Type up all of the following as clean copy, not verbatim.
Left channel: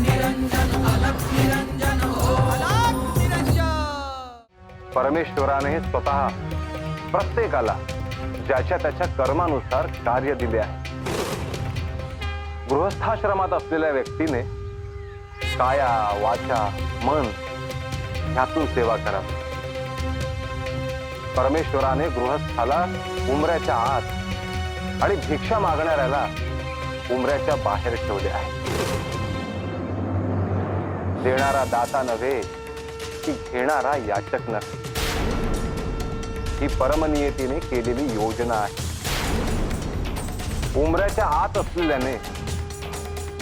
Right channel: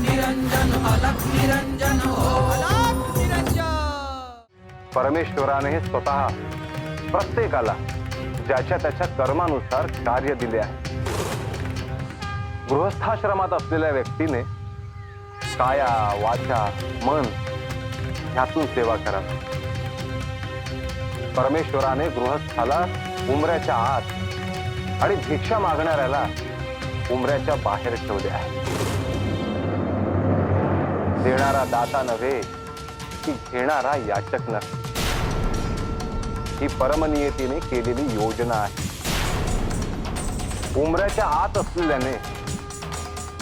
निरंजन अलख निरंजन ओम अलख निरंजन। परमेश्वराने स्वतः प्रत्येकाला ज्याच्या त्याच्या कर्मानुसार कार्य दिले आहे। गृहस्थाश्रमात असलेल्या व्यक्तीने काया वाचा मन ह्यातून सेवा करावी। परमेश्वराने गृहस्थाला उमऱ्याच्या आत आणि भिक्षा मागणाऱ्याला उमऱ्याच्या बाहेर ठेवले आहे। देणारा दाता नव्हे की घेणारा याचक नव्हे, ही परमनियतीने केलेली योजना आहे। उमऱ्याच्या आत असलेल्याने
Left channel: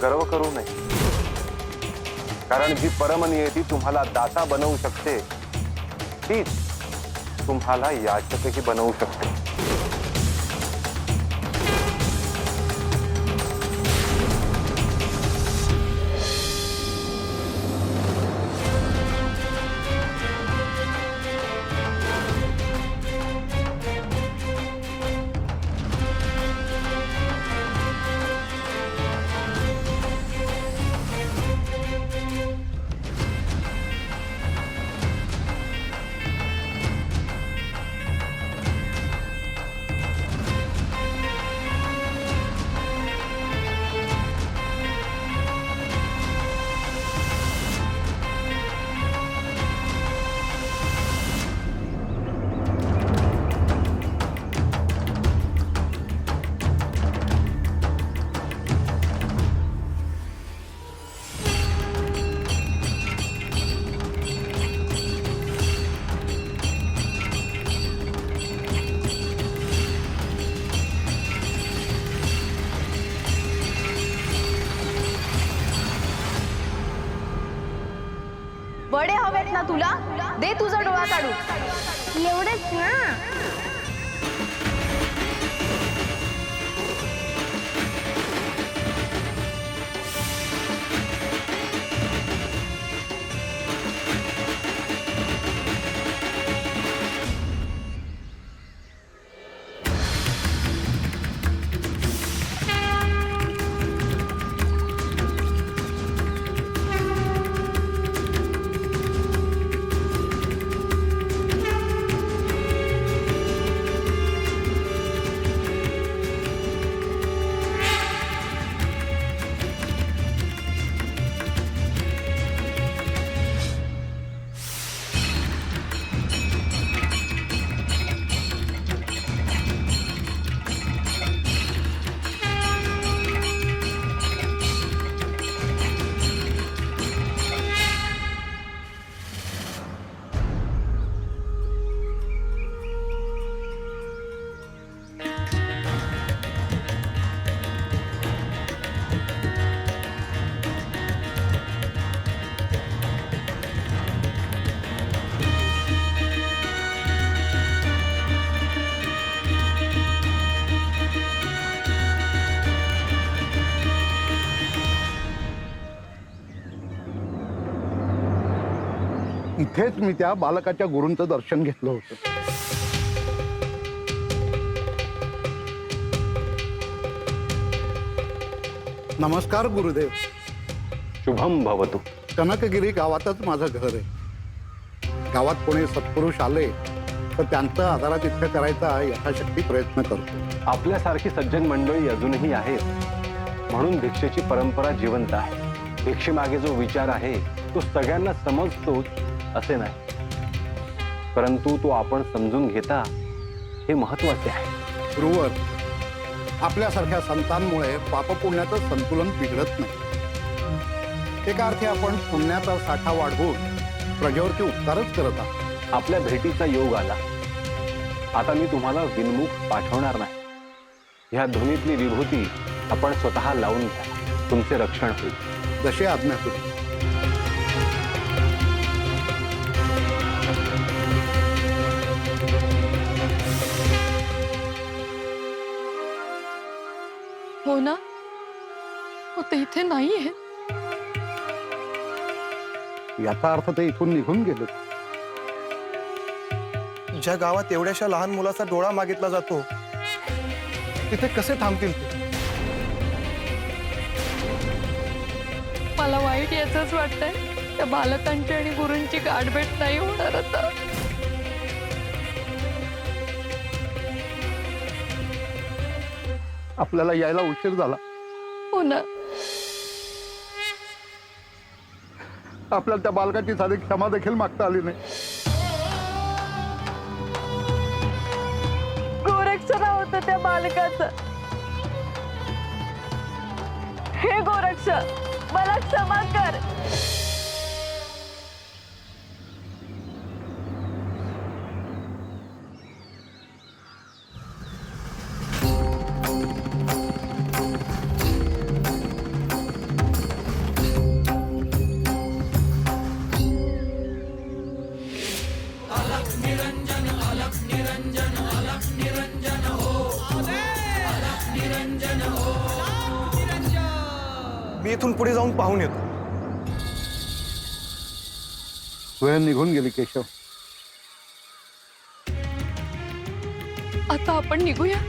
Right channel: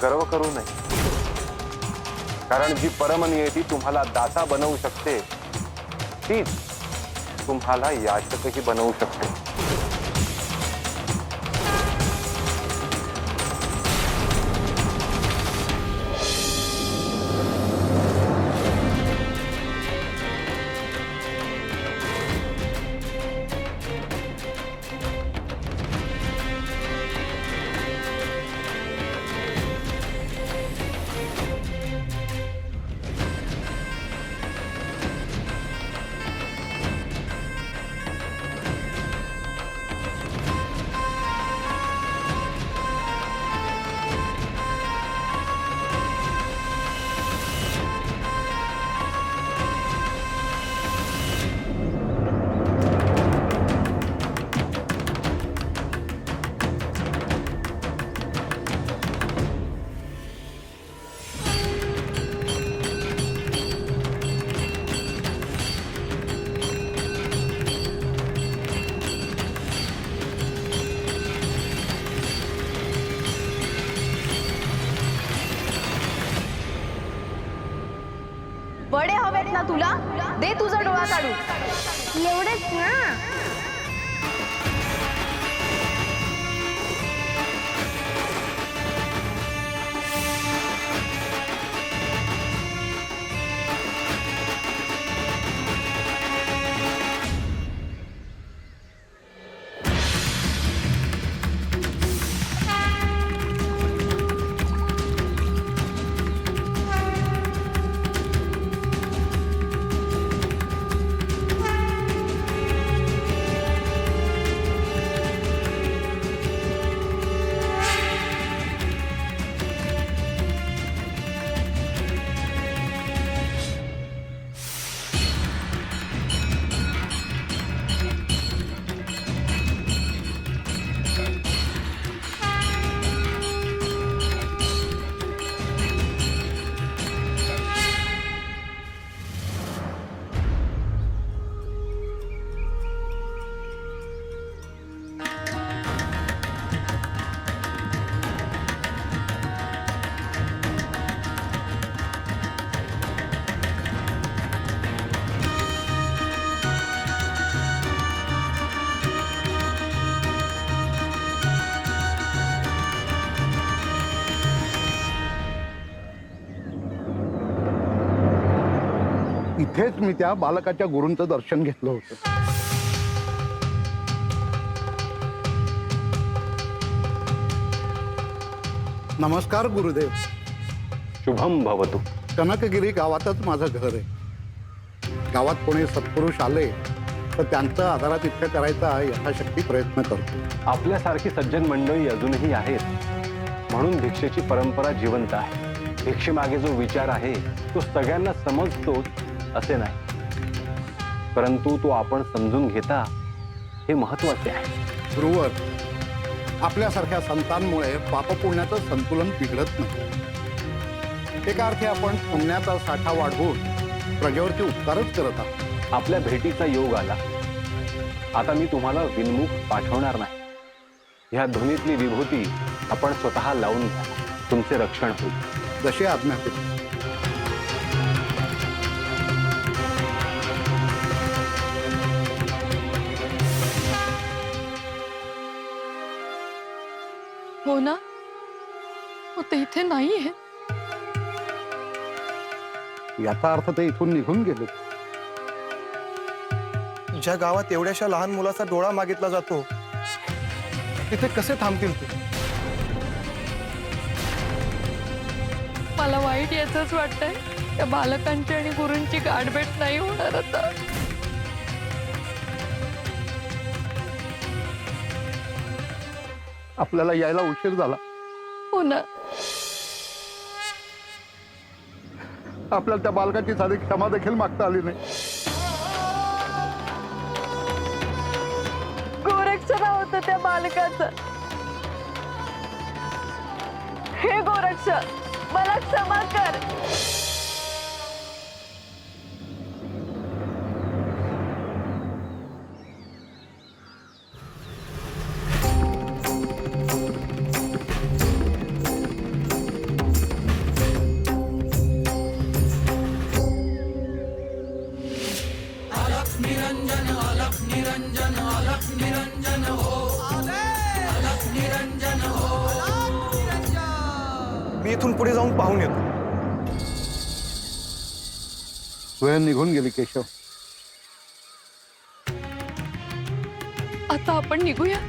गर्व करू नये, कारण जी परमनियती तुम्हाला दाता बनवू शकते तीच तुम्हाला याचकही बनवू शकते। वडे हवेत ना तुला? दे तुझा डोळा काढू। एवढंच ना? इथेच मी त्या बालकाच्या गुरूंचं दर्शन घेतलं होतं। नमस्कार गुरुदेव। शुभम भवतु। कनकगिरी गावातच माझं घर आहे। गावात कोणी सत्पुरुष आले तर त्यांचा आदरातिथ्य करायचा यथाशक्ती प्रयत्न करतो। आपल्यासारखी सज्जन मंडळी अजूनही आहेत, म्हणून भिक्षेची परंपरा जिवंत आहे। भिक्षेमागे जो विचार आहे तो सगळ्यांना समजतोच असे नाही, परंतु तो आपण समजून घेता हे महत्त्वाचे आहे। गुरुवर, आपल्यासारख्या संतांमुळे पापपुण्याचं संतुलन बिघडत नाही। एका अर्थी आपण पुण्याचा साठा वाढवून प्रजेवरती उपकारच करत आहात। आपल्या भेटीचा योग आला, आता मी तुम्हाला विनमुख पाठवणार नाही। ह्या ध्वनीतली विभूती आपण स्वतः लावून घ्या, तुमचे रक्षण होईल। जशी आज्ञा करू। हो ना, हो ते इथे नाहीये। याचा अर्थ ते इथून निघून गेले। ज्या गावात एवढ्याशा लहान मुलाचा डोळा मागितला जातो तिथे कसे थांबतील ते? मला वाईट याचंच वाटतंय, त्या बालकांची आणि गुरूंची गाठभेट नाही होणार आता. आपल्याला यायला उशीर झाला. हो ना. आपल्याला त्या बालकाची साधी क्षमा देखील मागता आली नाही. गोरक्षरा होतं त्या बालकाचं. हे गोरक्ष, मला क्षमा कर. निरंजन अलख निरंजन अलख निरंजन हो आदेश अलख निरंजन हो अलख निरंजन. मी इथून पुढे जाऊन पाहून येतो. वेळ निघून गेली केशव. आता आपण निघूया.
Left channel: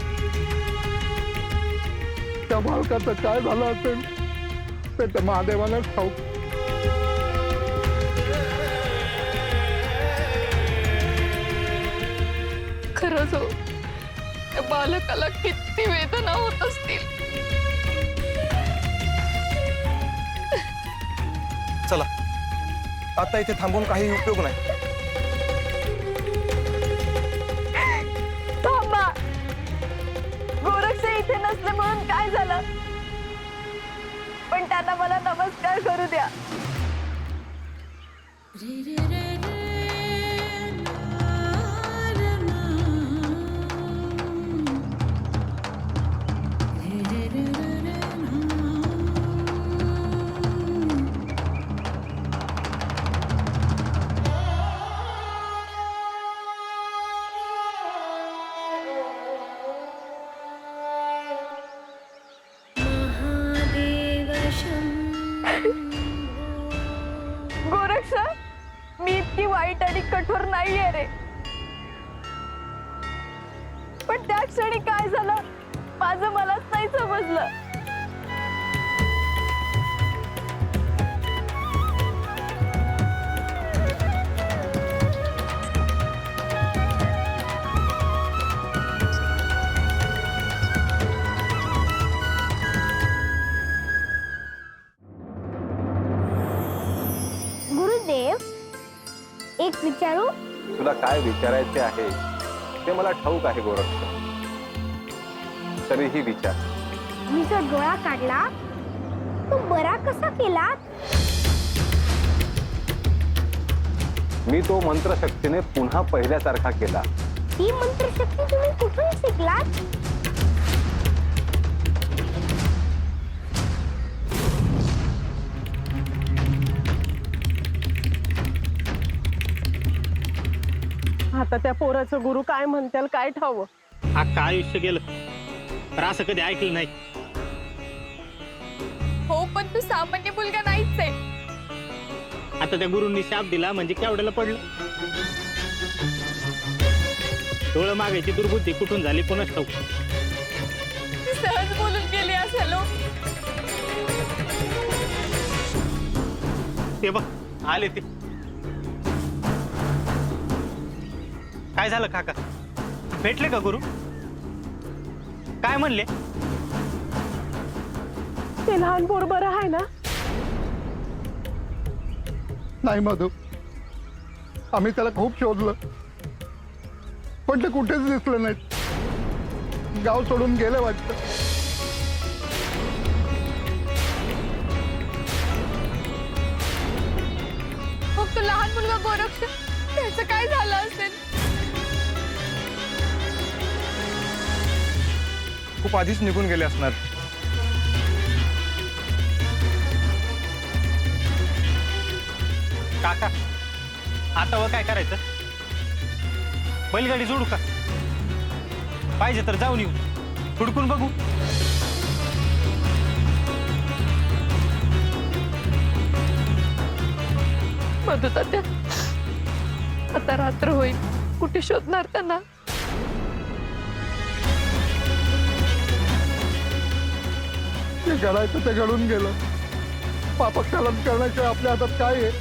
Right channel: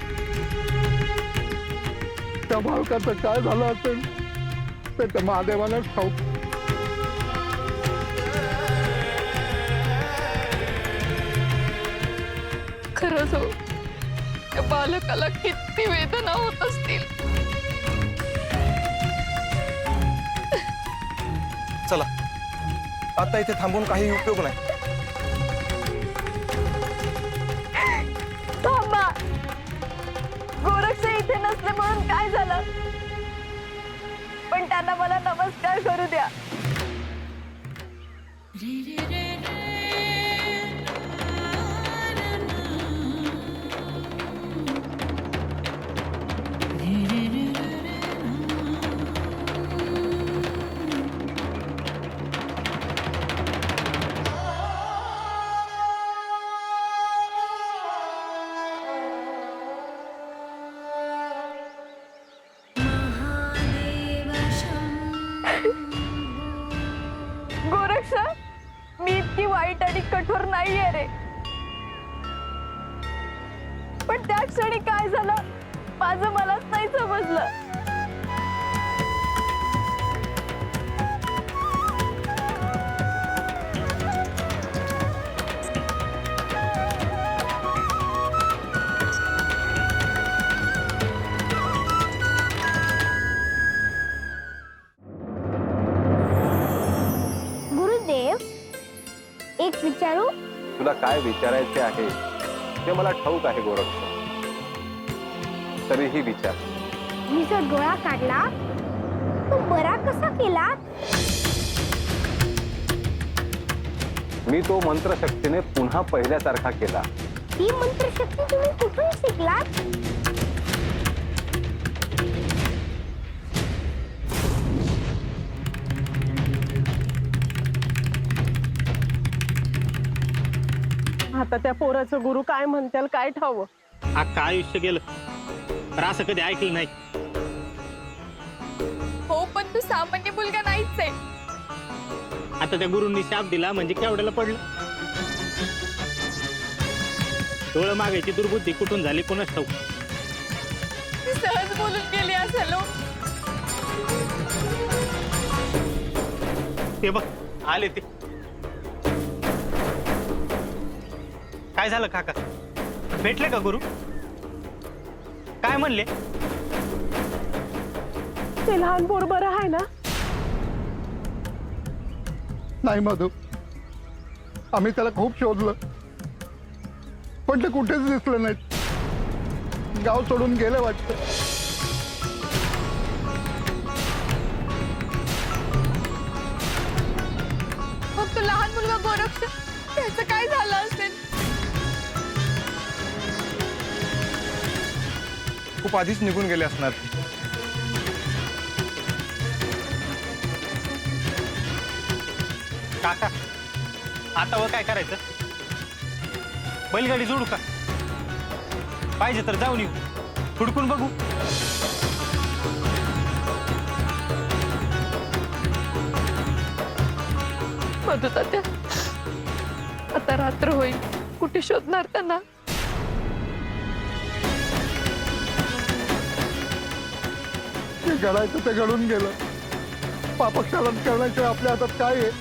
त्या बालकाचं काय झालं असेल ते त्या महादेवालाच ठाऊक. खरंच हो, त्या बालकाला किती वेदना होत असतील. चला, आता इथे थांबून काही उपयोग नाही. थांबा. गोरक्ष इथे नसले म्हणून काय झालं, पण त्यांना मला नमस्कार करू द्या. गोरक्ष, मी इतकी वाईट आणि कठोर नाहीये रे. पण त्या क्षणी काय झालं माझं मलाच नाही समजलं. गुरुदेव, एक विचारू? तुला काय विचारायचे आहे ते मला ठाऊक आहे गोरक्ष. तरीही विचार. मी जो डोळा काढला तो बरा कसा केला? मी तो मंत्रशक्तीने पुन्हा पहिल्यासारखा केला. ही मंत्रशक्ती तुम्ही कुठून शिकलात? आता त्या पोराचं गुरु काय म्हणतील काय ठाव. अख्खा आयुष्य गेलं तर असं कधी ऐकलं नाही. हो, पण तू सामान्य मुलगा नाहीच आहे. आता त्या गुरूंनी शाप दिला म्हणजे केवढ्याला पडलं. डोळं मागायची दुर्बुद्धी कुठून झाली कोणाच ठाऊक. ती सहज बोलून गेली असेल हो. ते बघ आले ते. काय झालं काका, भेटले का गुरु? काय म्हणले? ते लहान पोर बरं आहे ना? नाही मधू, आम्ही त्याला खूप शोधलं पण ते कुठेच दिसलं नाहीत. गाव सोडून गेले वाटतं. मग तो लहान मुलगा गोरक्ष, त्याचं काय झालं असेल? खूप आधीच निघून गेले असणार. काका, आता वर काय करायचं? बैलगाडी जोडू का? पाहिजे तर जाऊन येऊ, हुडकून बघू. मधु तात्या, आता रात्र होईल, कुठे शोधणार त्यांना? जे घडायचं ते घडून गेलं. पापक्षालन करण्याशिवाय आपल्या हातात काय आहे?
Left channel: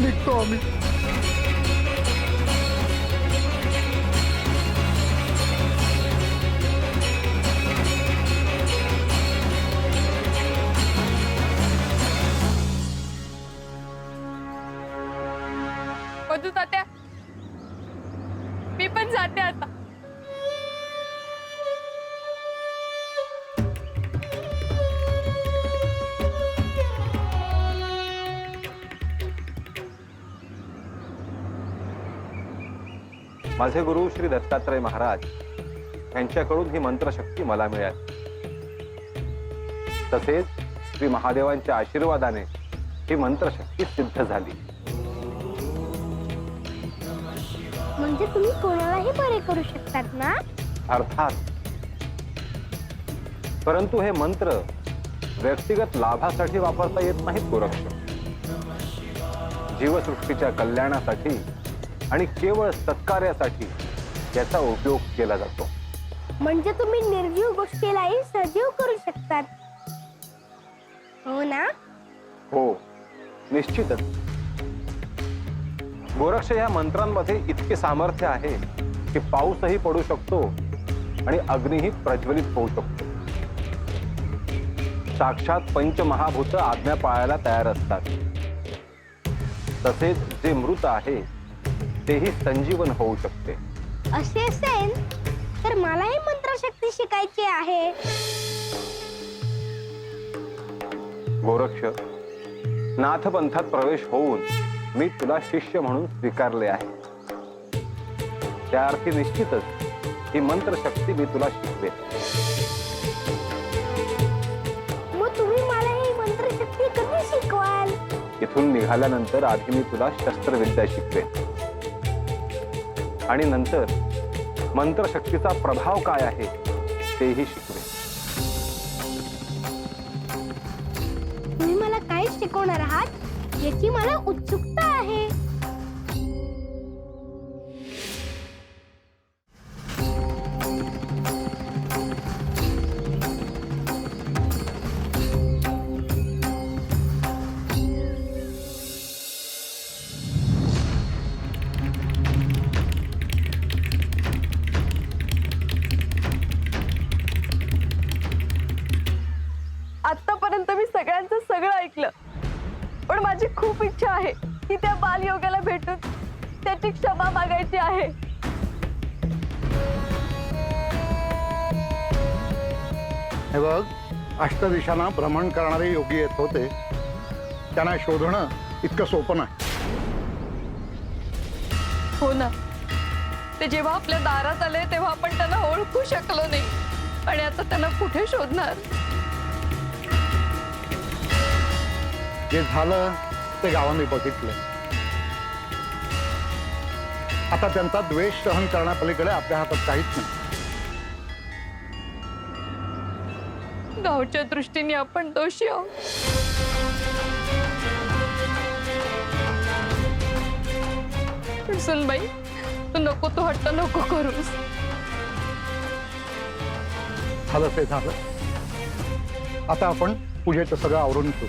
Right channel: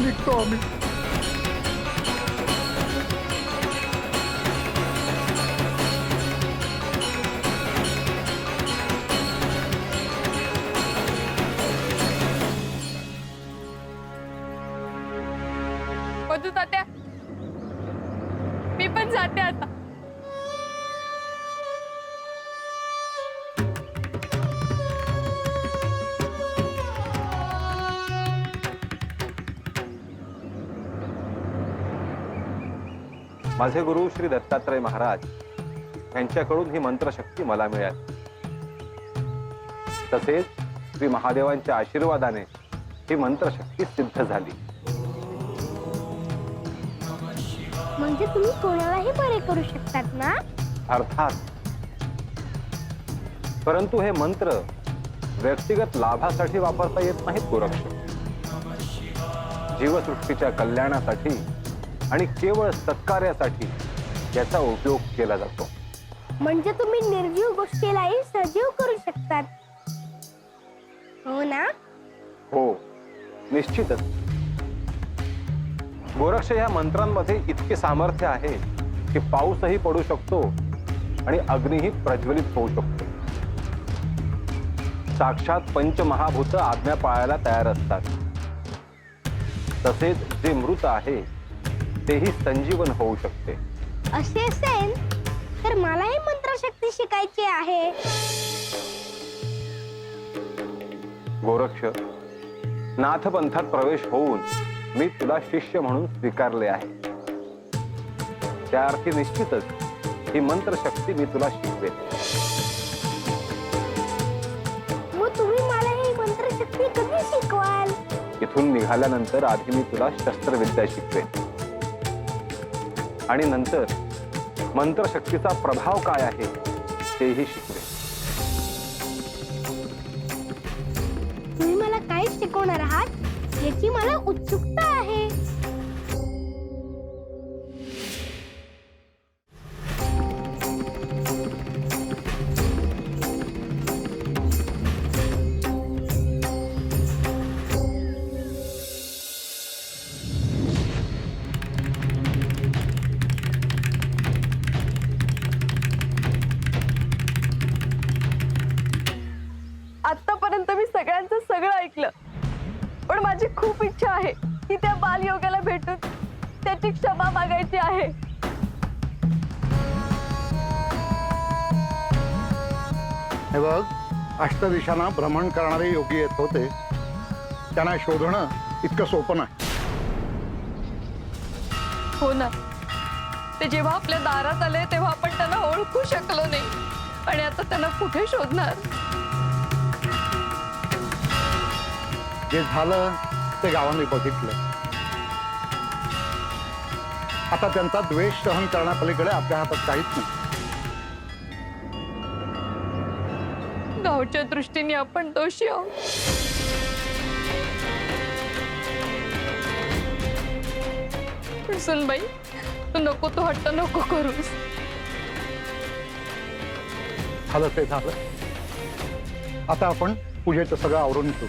निघतो आम्ही. मधू तात्या, मी पण जाते आता. माझे गुरु श्री दत्तात्रय महाराज यांच्याकडून ही मंत्रशक्ती मला मिळाली. तसेच श्री महादेवांच्या आशीर्वादाने ही मंत्रशक्ती सिद्ध झाली. म्हणजे तुम्ही कोणालाही बरे करू शकतात ना? अर्थात. परंतु हे मंत्र व्यक्तिगत लाभासाठी वापरता येत नाहीत गोरक्ष. जीवसृष्टीच्या कल्याणासाठी आणि केवळ सत्कार्यासाठी याचा उपयोग केला जातो. म्हणजे तुम्ही निर्जीव गोष्टीलाही सजीव करू शकतात, हो ना? हो, निश्चितच. गोरक्ष या मंत्रांमध्ये इतके सामर्थ्य आहे की पाऊसही पडू शकतो आणि अग्निही प्रज्वलित होऊ शकतो. साक्षात पंचमहाभूत आज्ञा पाळायला तयार असतात. तसेच जे मृत आहे तेही संजीवन होऊ शकते. असे असेल तर मलाही मंत्रशक्ती शिकायची आहे. गोरक्ष, नाथपंथात प्रवेश होऊन मी तुला शिष्य म्हणून स्वीकारले आहे. त्या अर्थी निश्चितच ही मंत्रशक्ती मी तुला शिकवेन. मग तुम्ही मला ही मंत्रशक्ती कधी शिकवाल? इथून निघाल्यानंतर आधी मी तुला शस्त्रविद्या शिकवेन आणि नंतर मंत्रशक्तीचा प्रभाव काय आहे तेही शिकवेन. तुम्ही मला काय शिकवणार आहात याची मला उत्सुकता आहे. आतापर्यंत मी सगळ्यांचं सगळं ऐकलं, पण माझी खूप इच्छा आहे की त्या बालयोगाला भेटून त्याची क्षमा मागायची आहे. हे बघ, अष्टदिशांना भ्रमण करणारे योगी येत होते. त्यांना शोधणं इतकं सोपं नाही. हो ना, ते जेव्हा आपल्या दारात आले तेव्हा आपण त्यांना ओळखू शकलो नाही आणि आता त्यांना कुठे शोधणार? जे झालं ते गावाने बघितलं. आता त्यांचा द्वेष सहन करण्यापलीकडे आपल्या हातात काहीच नाही. गावच्या दृष्टीने आपण दोषी आहोत. पण सुनबाई, तू नको, तू हट्ट नको करूस. झालं ते झालं. आता आपण पूजेचं सगळं आवरून घेऊ.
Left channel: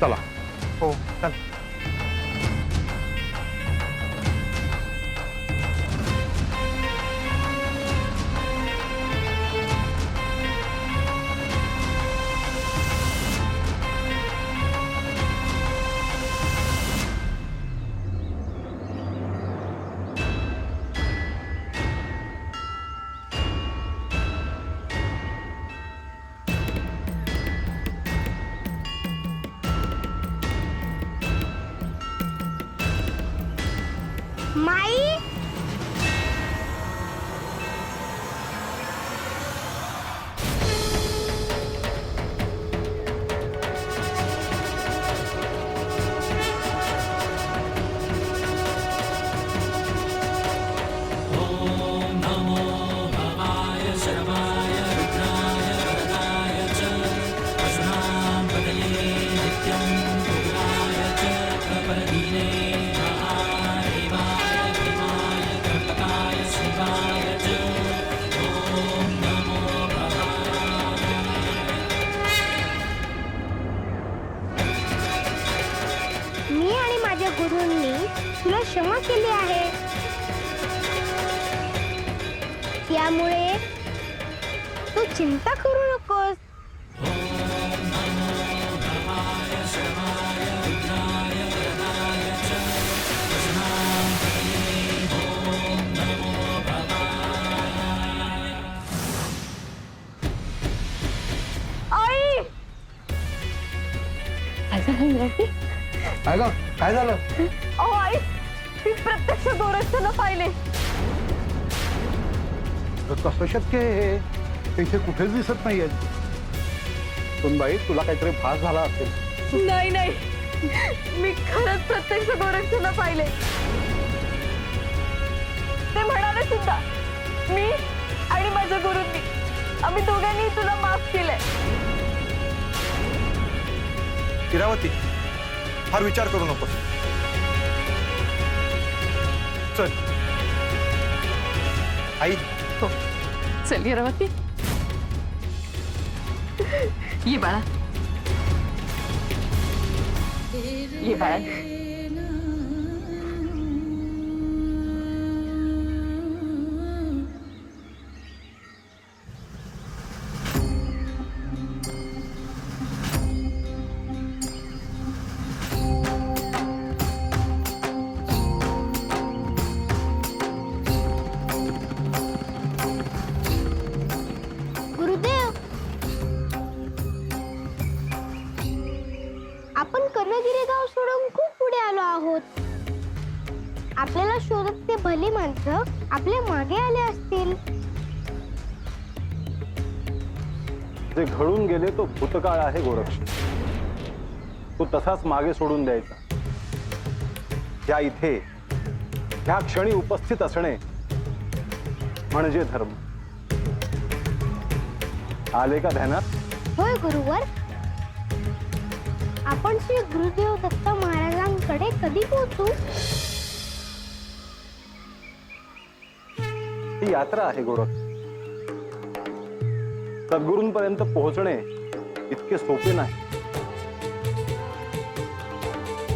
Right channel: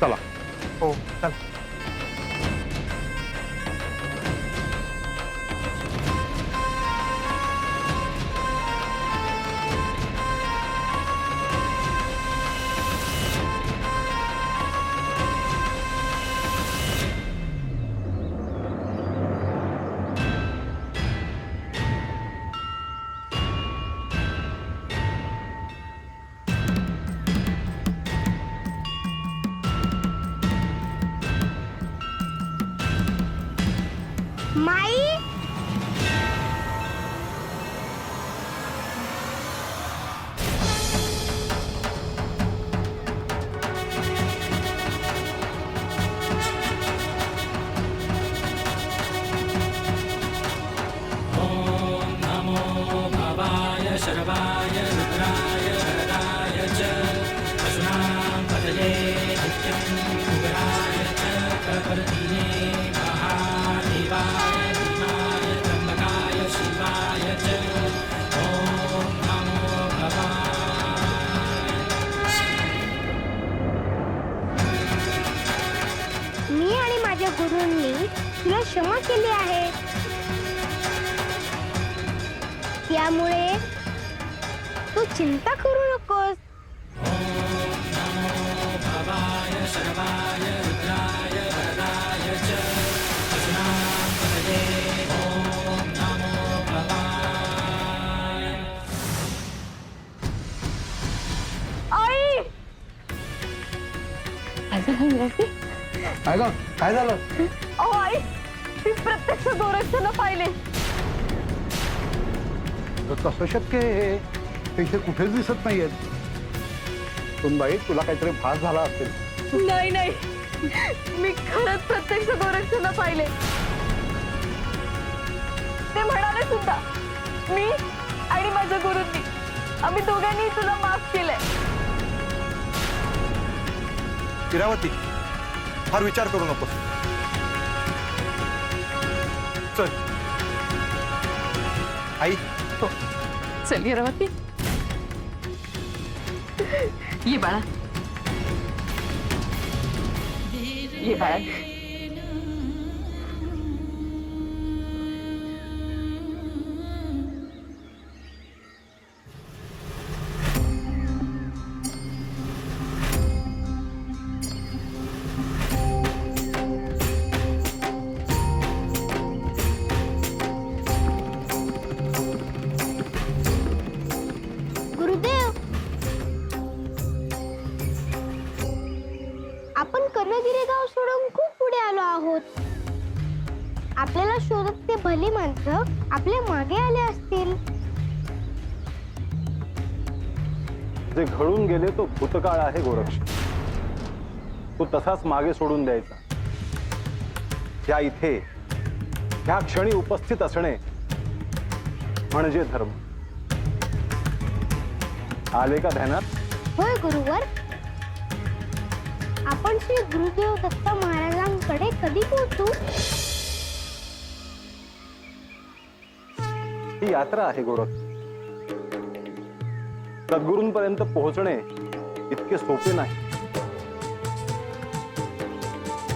चला. हो चल. माई, गुरूंनी तुला क्षमा केली आहे. त्यामुळे तू चिंता करू नकोस. आई काय झालं? अहो आई, मी प्रत्यक्ष गोरक्षाला पाहिले. कसं शक्य आहे? ते इथे कुठेच दिसत नाहीयेत. सुनबाई, तुला काहीतरी भास झाला असेल. नाही नाही, मी खरंच प्रत्यक्ष गोरक्षाला पाहिले. ते म्हणाले सुद्धा, मी आणि माझ्या गुरूंनी आम्ही दोघांनी तुला माफ केलंय. इरावती, फार विचार करू नकोस. चल आई. हो चल इरावती, ये बाळा, ये बाळा. गुरुदेव, आपण कर्णगिरी गाव सोडून खूप पुढे आलो आहोत. आपल्याला शोधत ते भली माणसं आपल्या मागे आले असतील. जे घडून गेले तो भूतकाळ आहे गोरक्ष. तो तसाच मागे सोडून द्यायचा. या इथे ह्या क्षणी उपस्थित असणे म्हणजे धर्म. आले का ध्यानात? होय गुरुवर. आपण श्री गुरुदेव दत्त महाराजांकडे कधी पोहोचू? ही यात्रा आहे गोरक्ष. सद्गुरूंपर्यंत पोहोचणे इतके सोपे नाही.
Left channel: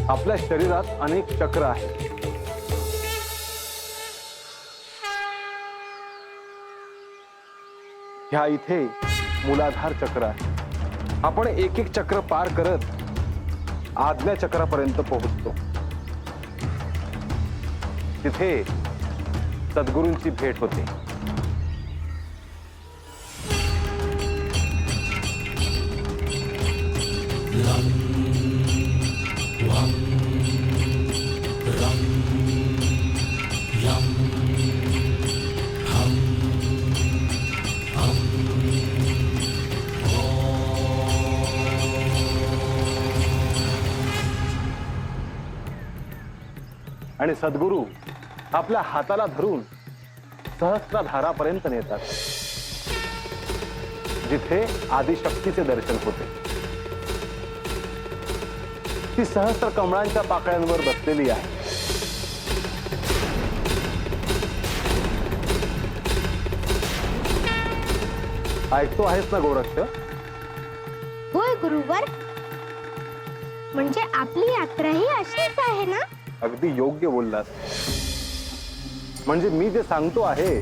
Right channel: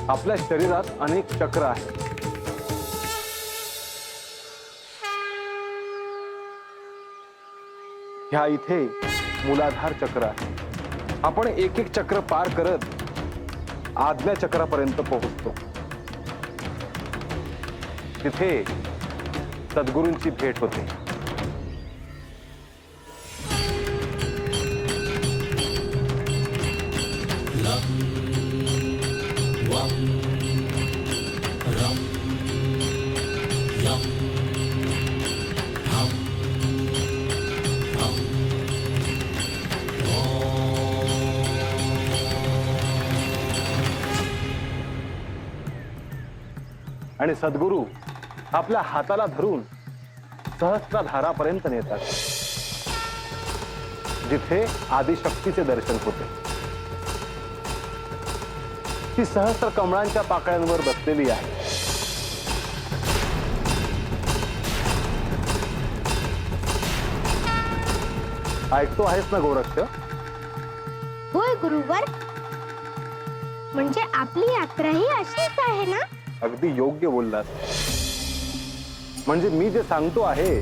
आपल्या शरीरात अनेक चक्र आहेत. ह्या इथे मूलाधार चक्र आहे. आपण एक एक चक्र पार करत आज्ञा चक्रापर्यंत पोहोचतो. तिथे सद्गुरूंची भेट होते. आणि सद्गुरू आपल्या हाताला धरून सहस्त्रधारापर्यंत नेतात, जिथे आदिशक्तीचे दर्शन होते. ती सहस्त्र कमळांच्या पाकळ्यांवर बसलेली आहे. ऐकतो आहेस ना गोरक्ष? होय गुरुवर. म्हणजे आपली यात्रा ही अशीच आहे ना? अगदी योग्य बोललास. म्हणजे मी जे सांगतो आहे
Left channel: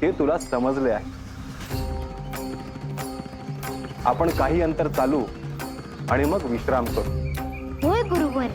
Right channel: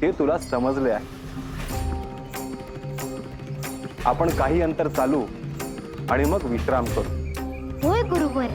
ते तुला समजले आहे. आपण काही अंतर चालू आणि मग विश्राम करू. होय गुरुवर.